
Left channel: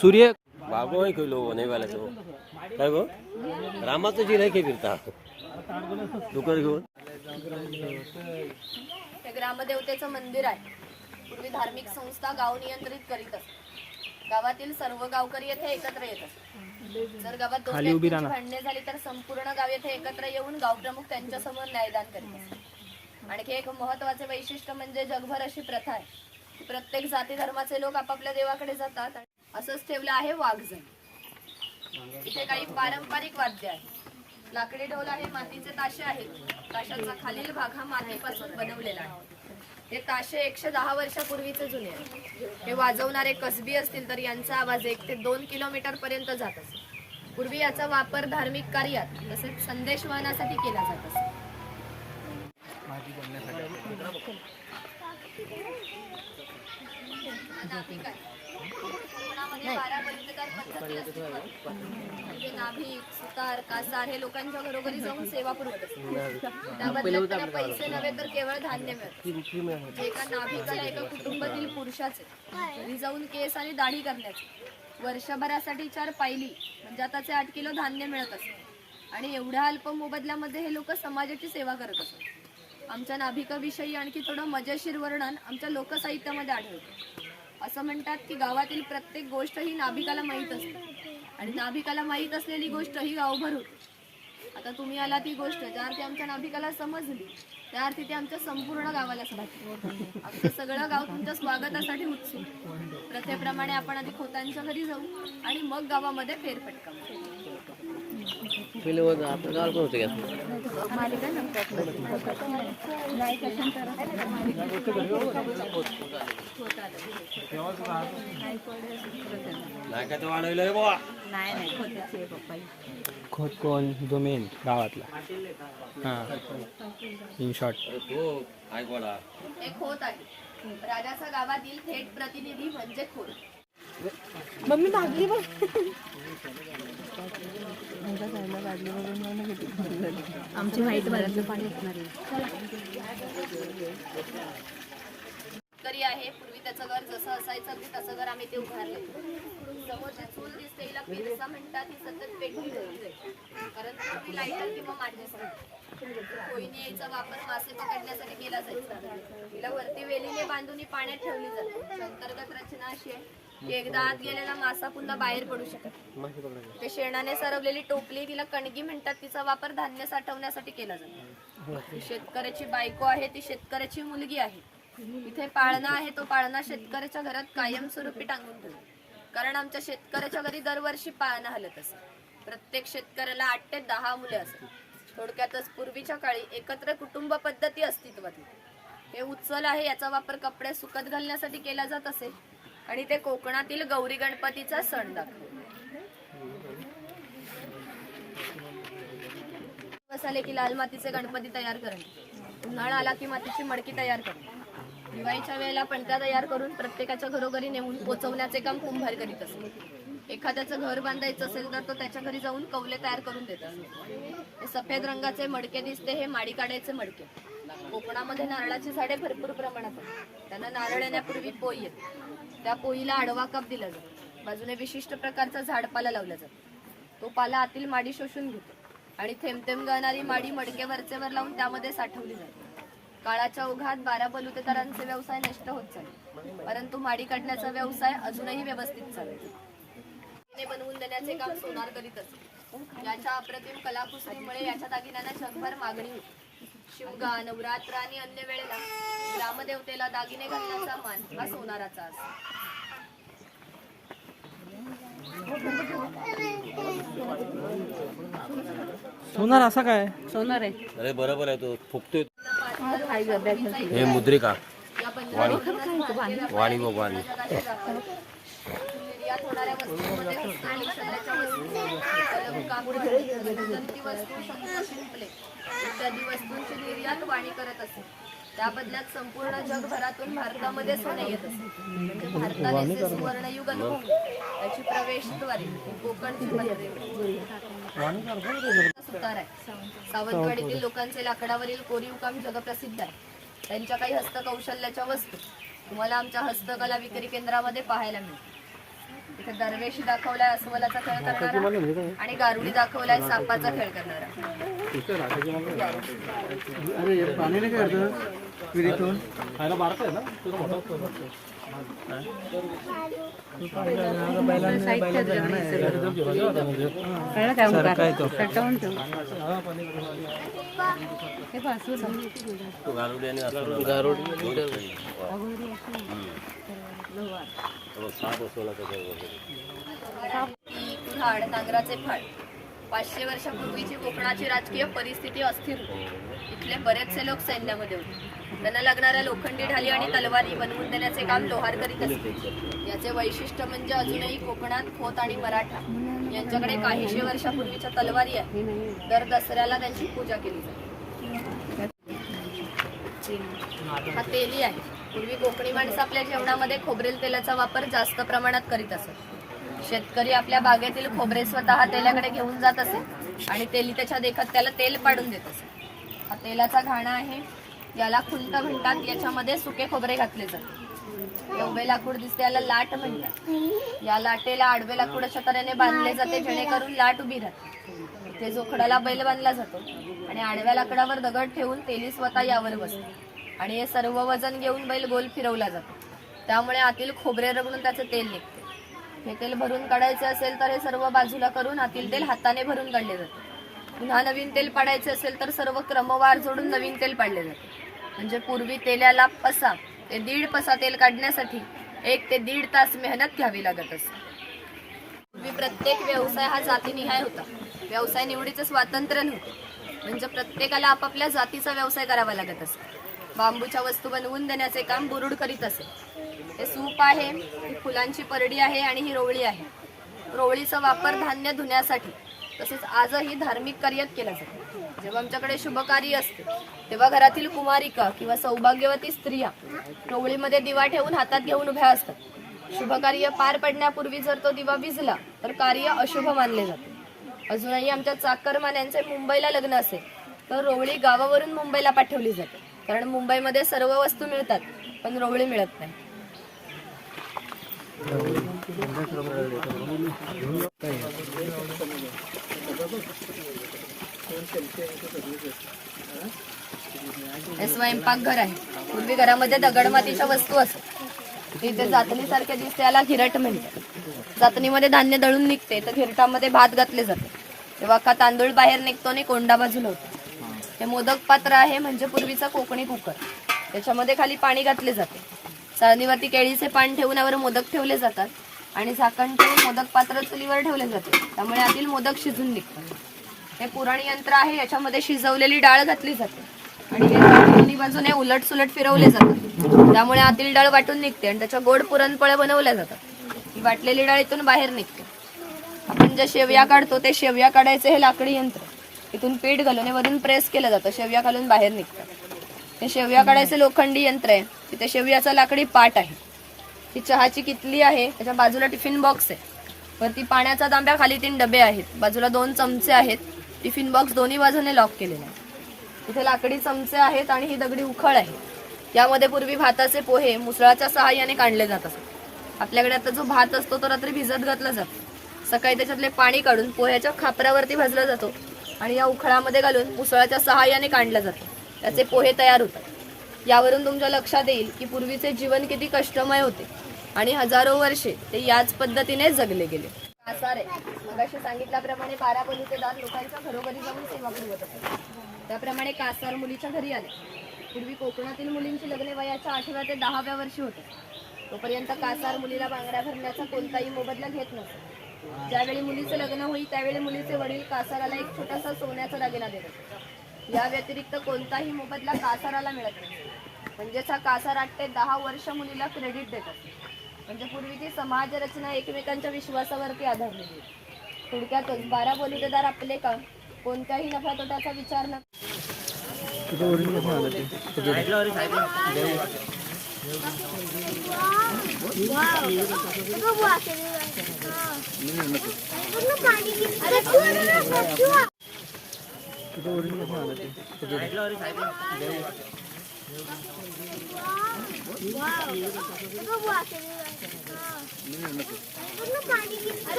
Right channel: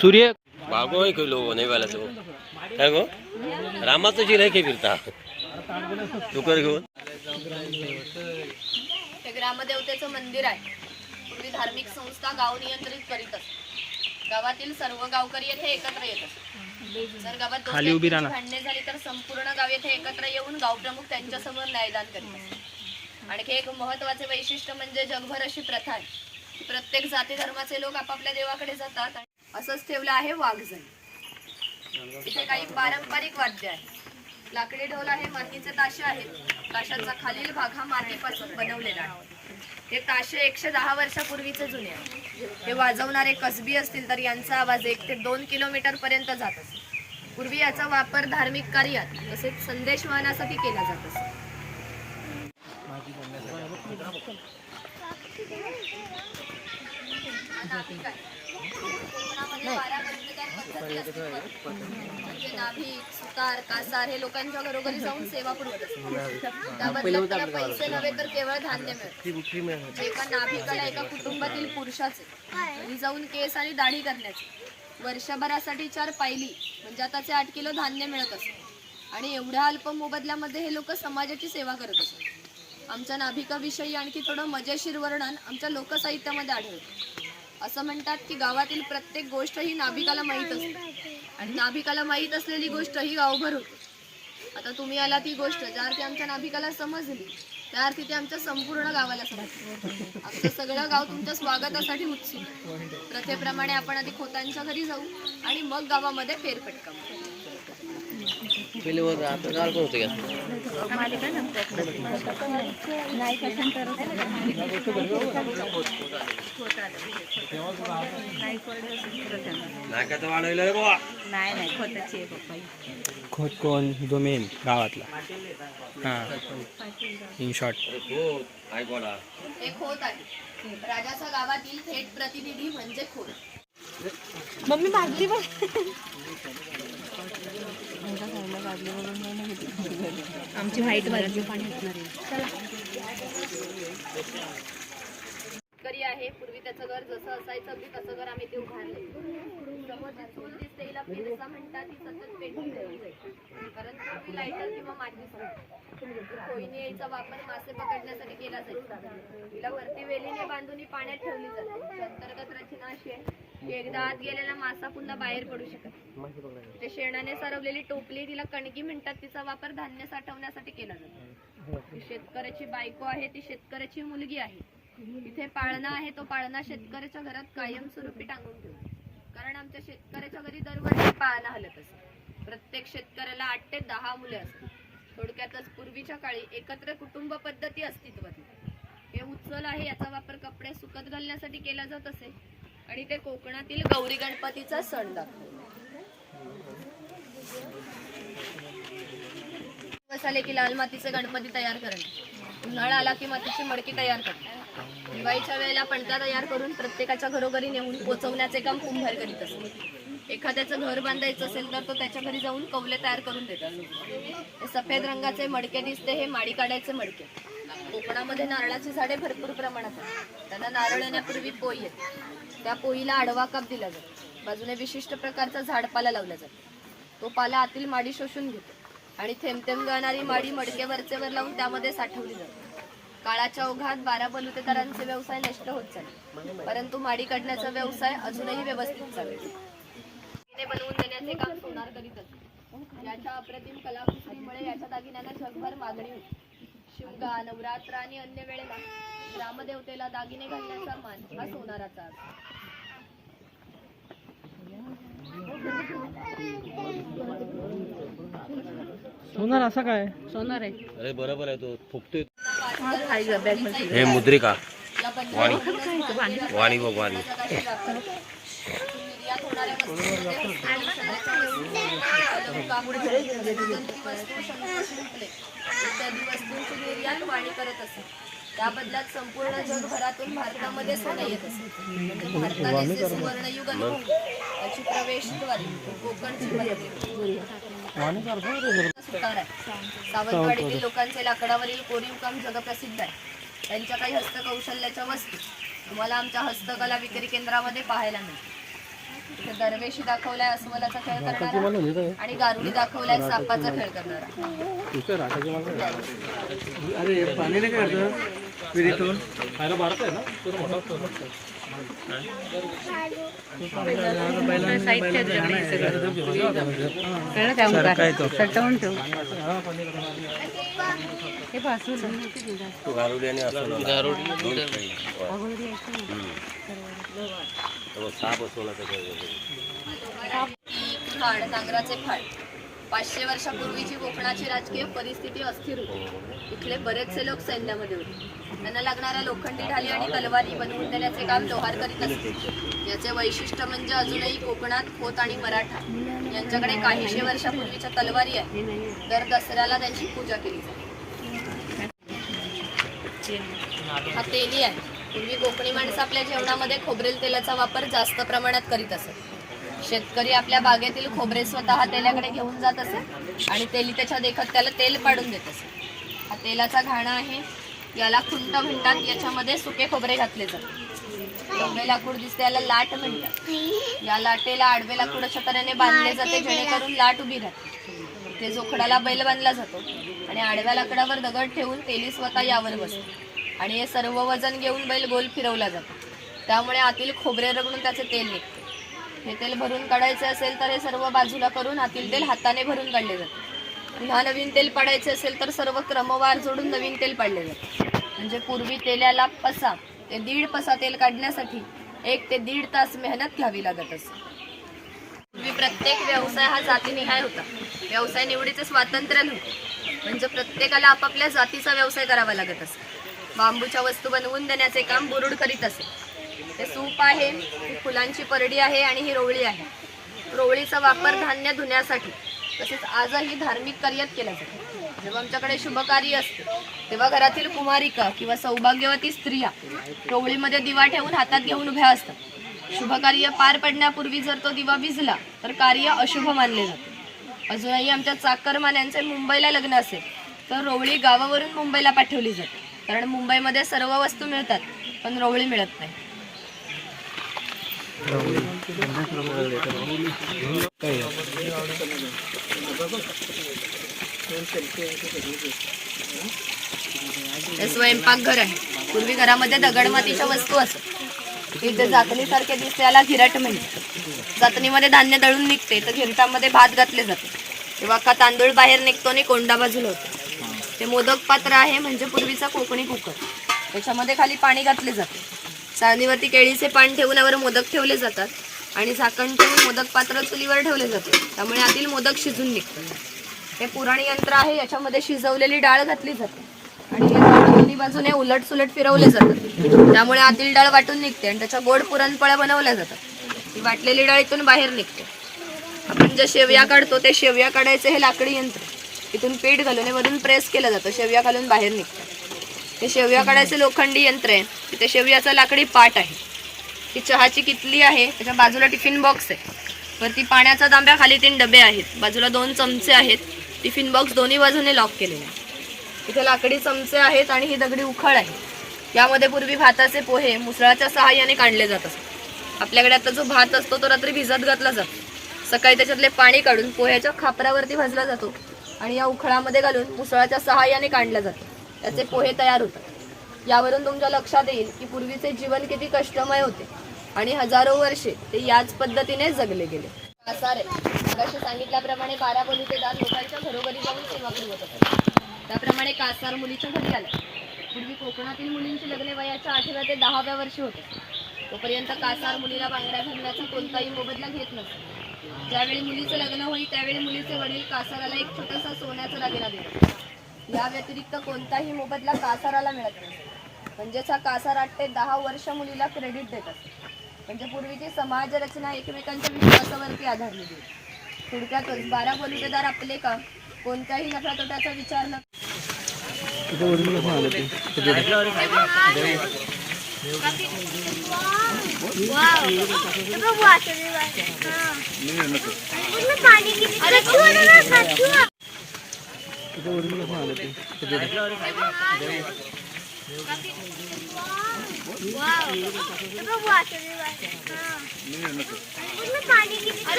सूर्य बागो केलो नाही वाला तो काय गो रामाचं जी नाही फिरता डुकर घेऊन. हे ग्रामदेवतेचं मंदिर आहे. पूर्वी धार्मिक संस्था गाव नियंत्रित करीत असत. गावातील सर्व गावकरी येथे एकत्र येत असत. जर गावात भांडणे झाली तर संपूर्ण गाव येथे एकत्र येऊन गावप्रमुख त्यांच्यासमोर न्यायदान करीत असत. आणखी एक महत्वाचे वैशिष्ट्य म्हणजे जगभर अशी प्रथा आहे की प्रत्येक जाती धर्माचे लोक आपापल्या देवाकडे जातात. असंच ठेवलं आहे वाघजण. इथे काही पारंपरिक वाद्य आहेत. लाकडी ढोल आहे, मातीचे ताशे आहेत. ताशाचा खालील भाग हा मातीपासून बनवलेला आहे. हे ताशे 110 वर्षापूर्वीचे जुने आहेत. हे वाजवणारे कसबी असतील तर यांचा आवाज 1 ते 2 किलोमीटर पर्यंत जात असे. पूर्वी याचा वापर धार्मिक कार्यात तसेच संदेश वहनासाठी केला जात असे. म्हणजे नाभिक, सुतार, कासार हे लोकांच्या घरोघरी जाऊन सेवा पुरवत असतात. त्या बदल्यात त्याला पैसे नव्हे तर केवळ धान्य मिळते. एका नाभिकाला एका कुटुंबातील पुरुषाचे घरी जाऊन केस आणि दाढी करण्याची वर्षभरासाठी 4 पायली म्हणजे आताचे 8 किलो धान्य मिळत असते. आणि एवढ्या अल्प मोबदल्यामध्ये हे लोक समाजाची सेवा करत असतात. आमच्या नाभिकाविषयी आणखी थोडं मजेशीर वर्णन आमच्या लोकसाहित्यामध्ये आढळतं. असं म्हणतात की गावातील प्रत्येक गोष्ट ही नाभिकाला माहीत असते आणि नाभिकाला माहीत असलेली गोष्ट ही गावभर होते. आता तुम्ही आला ती गोष्ट ज्या अर्थी आमच्या नाभिकाला समजली त्या अर्थी ती आमच्या संपूर्ण गावाला समजली. आमचं सगळं गाव तुमच्या स्वागतासाठी उत्सुक. प्रथेप्रमाणे आपण आधी खोतांच्या घरी जाऊ आणि मग गावामध्ये फेरफटका मारू. खोत कोण जो मेन गावातला. हां इन शॉर्ट हे खोत आहे. राजाच्या गावातील थेट प्रतिनिधी म्हणजे खोत. मम्मी भागली बघ. आमची व्हाईट भरातलं पाणी असणार आहे. पूर्वी त्याचं घर जसं असायचं अगदी तसं घर आम्ही ते उभारलं. समोरची चूल दिसते हिला पिरसा म्हणतात. ती सतत पेटून ठेवली जाईल कारण ती लायटर किंवा माचीस कोयनी याचा वापर मासे पकडण्यासाठी केला जायचा. तिला वरती वेलीने बांधून पाण्यात ठेवली जाते. अंतर्गत रचना अशी आहे की एकदा आत गेलेला मासा पुन्हा बाहेर पडू शकत. ते शेणाने सरवलेली टोपली तिला कणगी म्हणतात. तिचा वापर धान्य साठवण्यासाठी केला जातो. शेतकऱ्याची बायको आहे ती शेतकऱ्याची मुलगी आहे. इथे पाळणा आहे. तो पाळणा शेतकऱ्याच्या घरात कायमस्वरूपी टांगून ठेवतो कारण आमच्या शेतकऱ्याच्या घरी दरवर्षी पाळणा हलत असे. प्रत्येक शेतकऱ्याला 8 ते 10 मुले असतात. थोडक्यातच पूर्वीच्या काळी एकत्र कुटुंब पद्धती अस्तित्वात. हे उचल आहे. याचा वापर कपडे सुकत घालण्यासाठी केला जात असे आणि ते कोकणातील गौरी गणपतीचा सण दाखवतो. दिवस आले की लाल मातीचे गणपती तयार करणे. उन्हाळा आला की मातीची मडकी तयार करणे. दिवाळीच्या वेळेला पणत्या तयार करून प्रत्येकाच्या घरोघरी नेऊन पोचवण्याचे काम कुंभार करीत असते. एखाद्याचं घर बांधायचं असेल तर तो त्याच्या घरी जाऊन कौले तयार करून देतात. हे सफेद रंगाचे मडके दिसते हे माडी काढायचे मडके. कोकणामध्ये नारळाची झाडे भरपूर प्रमाणात आहेत. त्यांना नारळ येण्यापूर्वी पोई येते. त्या पोईला आडवा काप दिला जातो. बाजूने विशिष्ट प्रकारचा झाडपाला लावला जातो. तो पाला आतील माडी शोषून घेतो आणि थेंब थेंब गळणारी माडी मडके वरचे वर लावून त्यामध्ये साठवली जाते. काळाच्या ओघात 12 बलुतेदारांचे व्यवसाय नष्ट होत चालले, परंतु माडी काढण्याचा व्यवसाय अजूनही व्यवस्थित चालतो. बनवून देण्याचे काम सोनार करीत असते. याच्या अप्रतिम कलाकुसरीमुळे याच्या दागिन्यांना जगभर मागणी होती. शिमगा, नवरात्र आणि अन्य वेळेला ग्रामदेवतेला दागिने घालण्याचा मान हा सोनाराचा असतो. सोनार असा काय? सोनार आहे. अरे बरोबर आहे, तो फुकतोय. काय ग बॅग मध्ये हे मुद्रिका वाणी पाणी वाणी बघ वाणी. निर्यात होणाऱ्या वस्तूंमध्ये इत्यादी वस्तूंची निर्यात वाणी करत असते. त्या बदल्यात संपूर्ण जगभरातून भारतामध्ये सोने येत असते. म्हणजे भारताने जे सुवर्णयुग अनुभवले त्याची प्रवेशद्वारे कोकणची सुतार आहे. सावंतवाडीतील लोकांचे लाकडावरील कोरीव काम जगप्रसिद्ध आहे. त्यांच्या काही हस्तकौशल्याच्या वस्तू तुम्हाला आमच्या हस्तकला विक्री केंद्रामध्ये पाहायला मिळते. इथे दरवेशी दाखवलाय अस्वलाचा खेळ करणारा आणि गारुडी दाखवलाय सापाचा खेळ करणारा. अरे पाणी नाही काय विहिरीतून खायला बारत आहे ना. गारुडी आणि साप असवला फाड, नांगराचे फाड. 500 वर्षापूर्वीची कोकणाची राजकीय परिस्थिती अस्थिर होती. इथले बरेचसे लोक सैन्यामध्ये होते. त्यांना लागणाऱ्या लोखंडी ढाली आणि तलवारी बनवून देण्याचे काम लोहार करीत असते. याचे वैशिष्ट्य म्हणजे अजूनही कोकणात खोत आणि मराठा यांच्याकडे काहीशे वर्षापूर्वीच्या तलवारी आहे. दर दसऱ्याला त्यांची पूजा केली जाते. हा तेली आहे. पूर्वी कोकणी माणसं आपल्या जेवणामध्ये खोबरेल तेलाचा वापर जास्त प्रमाणात करीत असत. शेतकरी आपल्या बागेतील खोबरे स्वतः तेल्याकडे घेऊन जात असे आणि तेली त्याच्या देखत त्याला तेल पाडून देत असे. हा तेलाचा घाणा आहे. याला खुंट म्हणतात. याच्यामध्ये सुके खोबरे घातले जातात. एवढे लाकूड दिसते याला लाट म्हणतात. या लाटेला आडवे लाकूड अशा तऱ्हेने बांधले जाते जेणेकरून लाट उभी राहते. ते जोखडाला बैल बांधला जातो आणि आडव्या लाकडावर दगड ठेवून तेली स्वतः यावर बसते आणि हे सर्व वजन घेऊन बैल गोल फिरवला जातो. त्यामुळे आतील खोबरे रगडून त्याचे तेल निघते. हे तेल भरून काढायचे असेल तर हे सर्व बाजूला करून आतील तेल हाताने भरून काढले जाते. पुन्हा नवीन तेल पाडायचे असेल तर सर्व क्रमवार जोडून नवीन तेल पाडले जाते. म्हणजे पूर्वी तेल्याला पसा ते 1.5 पसा तेल काढण्यासाठी 1 ते 1.5 तास मेहनत घ्यावी लागत असते. पूर्वी प्रत्येक व्यवसाय हा जातीनिहाय होता. व्यवसाय निवडीचं स्वातंत्र्य नव्हतं. म्हणजे प्रत्येकाला आपापल्या जातीचा व्यवसाय करावा लागत असे. बांबूच्या वस्तू बनवून देण्याचे काम बुरुड करीत असे. हे सूप आहे, ही फुलांची परडी आहे आणि ही रोवळी आहे. रोवळीचा वापर धान्य धुण्यासाठी तसेच आजही धार्मिक कार्यात केला जातो. जेव्हा आमच्याकडे शुभकार्य असते तेव्हा घरातील कुमारिका किंवा सौभाग्यवती स्त्रिया रोवळीमध्ये दिवा ठेवून हातात घेऊन उभ्या असतात. शुभकार्य पार पडण्यापूर्वी जर तो दिवा विझला तर कार्य अशुभ मानले जाते. अजूनही आमच्या चाकरमान्यांचे मुंबईला लग्न असेल तर रोवळी गावावरून मुंबईला पाठवली जाते. कारण मुंबईमध्ये सर्व वस्तू मिळतात पण रोवळी मिळत नाही. हे स्वयंपाकघर आहे. पूर्वी घरामध्ये दगडमातीच्या वस्तू असत. इथे जातनीसारखे दिसते याला घिरट म्हणतात. जातनीमध्ये धान्य दळून निघते तर घिरटामध्ये भात घातले जाते. तेव्हा का तांदूळ बाहेर निघतो आणि कोंडा बाजूला होतो. ते मोदक पात्र आहे म्हणजे पूर्वीचा कोकणी कुकर. त्याच्यामध्ये खाली पाणी घातले जाते. चाळणीवरती केळीचे पान ठेवून यावर मोदक ठेवले जातात आणि झाकण ठेवून मोदक पात्र चुलीवर ठेवले जाते. त्यामुळे आतील मोदक शिजून निघतात. हे पुराणी यंत्र आहे. याच्यामध्ये शिजवलेली डाळ घातली जाते आणि हे दोन्ही बाजूने उलट सुलट फिरवले जातात. त्यामुळे आतील डाळ वाटून निघते आणि त्याच्या गोड पुरणपोळ्या बनवल्या जातात. ही वाटलेली डाळ इथून बाहेर निघते. आपण ज्या शेवया काढतो ते शेवया काढायचे हे लाकडी यंत्र. इथून पीठ घालून वरून प्रेस केलं जातं. शेवया घालून बाहेर निघतात. हे शेवया काढायचे लोखंडी यंत्र आहे. तिथे शेवयाचा लाकडी पाट आहे. ही चहाची किटली आहे. त्याच्या बाजूला टिफिन बॉक्स आहे. वरती पाण्याचा तांब्या, खाली 3 डबे आहेत. बाजूला 2 चमचे आहेत. टिफिन बॉक्स दोन्ही बाजूने लॉक केलेले आहे. इथे लाकडी चमचे आहेत आणि ही दगडी उखळ आहे. यामध्ये पूर्वी भाताचे पोहे मुसळाच्या सहाय्याने काढले जात असत. आपल्याकडे आता जो भात असतो तो रात्री भिजत घातला जातो. सकाळी त्याच्यातले पाणी काढून पोह्याच्या खापरावरती भाजला जातो आणि या उखळामध्ये घालून मुसळाच्या सहाय्याने काढलं जातं. त्याचे पोहे तयार होतात. यावरून तुमच्या लक्षात येईल की पूर्वीचे जीवन किती कष्टमय होते आणि हजारो वर्षे ते याच पद्धतीने जगले गेले. कासार आहे. मगाशी सांगितल्याप्रमाणे 12 बलुतेदार लोकांच्या घरोघरी जाऊन सेवा पुरवत होते. त्याप्रमाणे कासार मुलीच्या घरी आले. पूर्वी कोकणातील मुलींची लग्ने वयाच्या 8व्या ते 10व्या वर्षी होते. तोपर्यंत कासार मुलीला बांगड्या भरण्याचा कोणताही मोबदला घेत नसतो. ज्यावेळी मुलीचं लग्न होईल त्यावेळी मुलीचे वडील कासाराला एक छोटासा सोन्याचा दागिना देतात. या व्यतिरिक्त कोणताही मोबदला कासाराला मिळत नाही. म्हणजेच हा कासार 8 ते 10 वर्ष मुलीला क्रेडिट देतात. म्हणजे पूर्वीची समाज रचना एकमेकांच्या विश्वासावरती आधारलेली होती. थोडक्यातच 12 बलुतेदार आपले काम कोणत्याही नफा तोट्याचा विचार न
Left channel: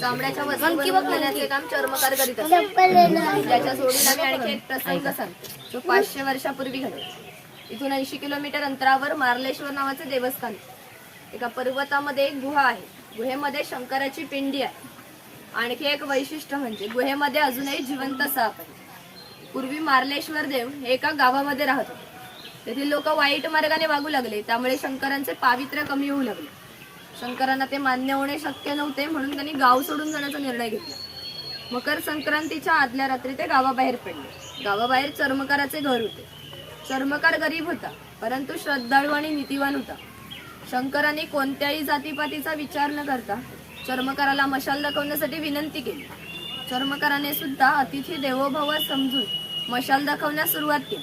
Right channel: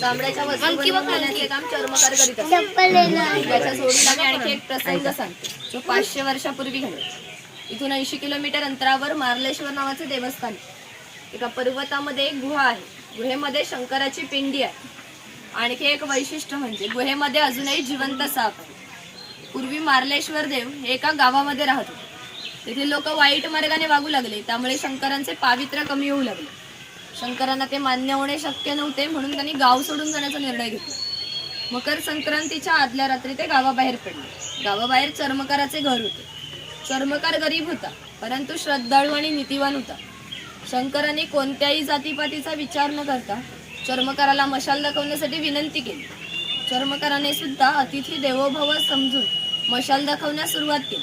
चामड्याच्या वस्तू बनवण्याचे काम चर्मकार करीत असतात. याच्या जोडीला मी आणखी एक प्रसंग सांगते जो 500 वर्षापूर्वी घडला. इथून 80 किलोमीटर अंतरावर मार्लेश्वर नावाचे देवस्थान आहे. एका पर्वतामध्ये एक गुहा आहे. गुहेमध्ये शंकराची पिंडी आहे. आणखी एक वैशिष्ट्य म्हणजे गुहेमध्ये अजूनही जिवंत साप आहे. पूर्वी मार्लेश्वर देव हे एका गावामध्ये राहत होते. तेथील लोक वाईट मार्गाने वागू लागले. त्यामुळे शंकरांचे पावित्र्य कमी होऊ लागले. शंकरांना ते मान्य होणे शक्य नव्हते म्हणून त्यांनी गाव सोडून जाण्याचा निर्णय घेतला. मकर संक्रांतीच्या आदल्या रात्री ते गावाबाहेर पडले. गावाबाहेर चर्मकाराचे घर होते. चर्मकार गरीब होता परंतु श्रद्धाळू आणि नीतिवान होता. शंकरांनी कोणत्याही जातीपातीचा विचार न करता चर्मकाराला मशाल दाखवण्यासाठी विनंती केली. चर्मकाराने सुद्धा अतिथी देवोभव समजून मशाल दाखवण्यास सुरुवात केली.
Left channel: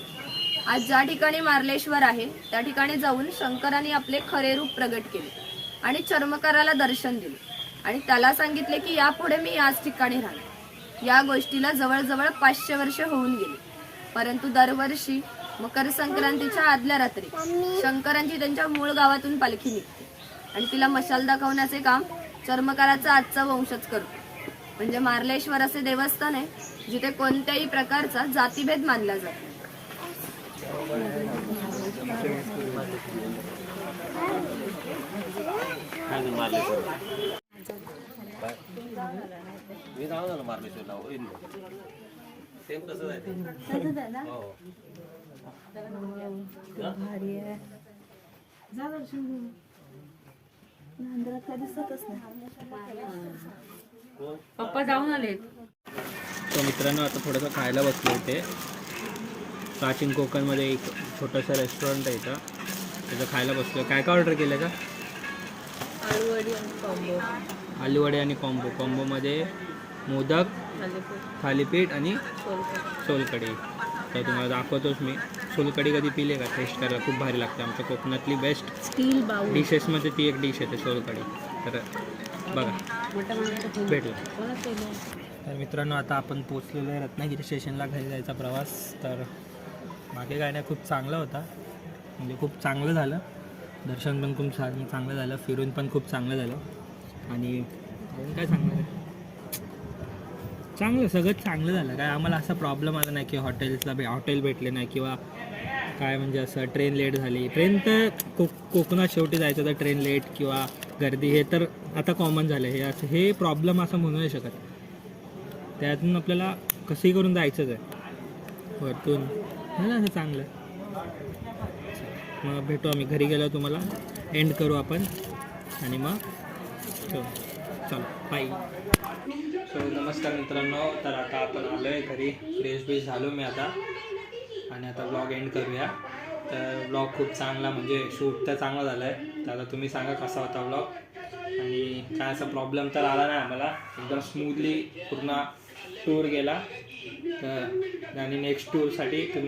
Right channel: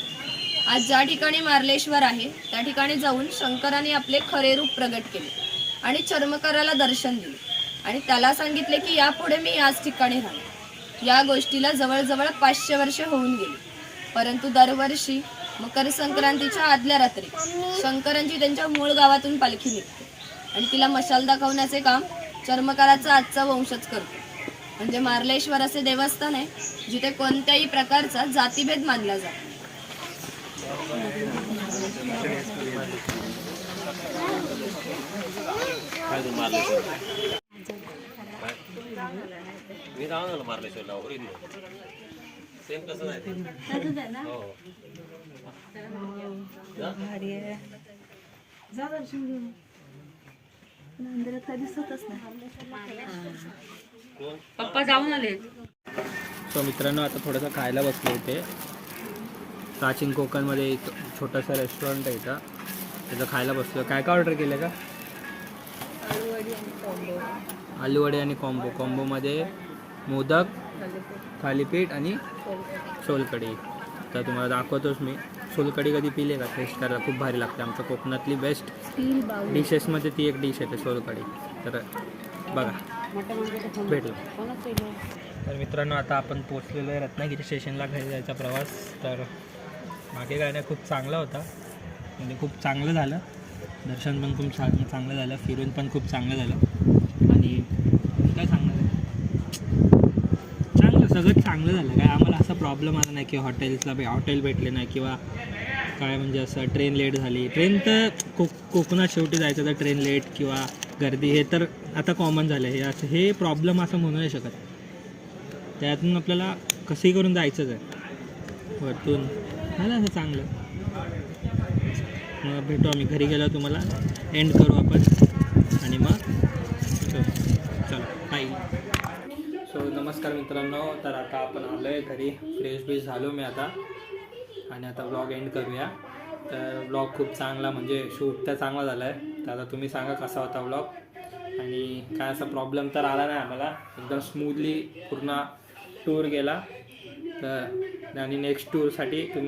आज ज्या ठिकाणी मार्लेश्वर आहे त्या ठिकाणी जाऊन शंकरांनी आपले खरे रूप प्रगट केले आणि चर्मकाराला दर्शन दिले आणि त्याला सांगितले की यापुढे मी याच ठिकाणी राहणार. या गोष्टीला जवळजवळ 500 वर्षे होऊन गेली. परंतु दरवर्षी मकर संक्रांतीच्या आदल्या रात्री शंकरांची त्यांच्या मूळ गावातून पालखी निघते आणि तिला मशाल दाखवण्याचे काम चर्मकाराचा आजचा वंशच करतो. म्हणजे मार्लेश्वर असे देवस्थान आहे जिथे कोणत्याही प्रकारचा जातीभेद मानला जातो. मी जाऊन झालं मार्लेश्वरला ओरिजिनल सेम कसं आहे हो. पप्पा जाऊन आले. तो मित्रांनो आता थोडंसं खायला बसलो इथे. प्राचीन कोकणमध्ये एक छोटंसं रेस्टॉरंट आहे इथं. त्याचं खायला बसलो. काय काय ऑर्डर केलं का? आलूवडे आणि कॉम्बोमध्ये मोदक, थालीपीठ आणि सोलकढी. तर तुम्हाला दाखवतोच मी. सोलकढी कधी पिले का? टेस्ट करायला खूप भारी लागते. आमच्या कोकणातली बेस्ट डिशेसमध्ये ती एक डिश येते सोलकढी. तर बघा भेटू. तर मित्रांनो आता आपण पोचलेलो आहे रत्नागिरी स्टेशनला. घरी जायचा प्रवास. तर मागे काय नाही, खूप चांगला होता. म्हणजे खूप चांगलं झालं. दर्शन पण खूप चांगलं झालं. फिरून पण खूप चांगलं झालं. आणि काय सांगणार आहे, चांगलं सगळं चांगलं झालं. काय आम्हाला असा प्रॉब्लेम आला नाही की हॉटेल भेटले नाही किंवा काय म्हणजे असं ट्रेन लेट झाली. ट्रेन तर कोकणात शेवटी जायचं तर ट्रेन लेट किंवा गर्दी हे तर आता कॉमन झालं. हे असं हे प्रॉब्लेम असं म्हणू नाही शकत. त्यातून आपल्याला कसंही करून जायचंच आहे वरतून. झालं असं चांगलं. मग भेटू आम्ही घरी गेलो. तुम्हाला एंड करू आपण आणि मग चलो बाय. सो नमस्कार मित्रांनो. तर आता आपण आलो आहे घरी. फ्रेश झालो मी आता आणि आता व्लॉग एंड करूया. तर व्लॉग खूप चांगला म्हणजे शूट तर चांगला झाला आहे. तर आता तुम्ही सांगा कसा होता व्लॉग. आणि काय असा प्रॉब्लेम तर आला नाही आम्हाला. एकदम स्मूथली पूर्ण टूर गेला. तर आणि नेक्स्ट टूरसाठी तुम्ही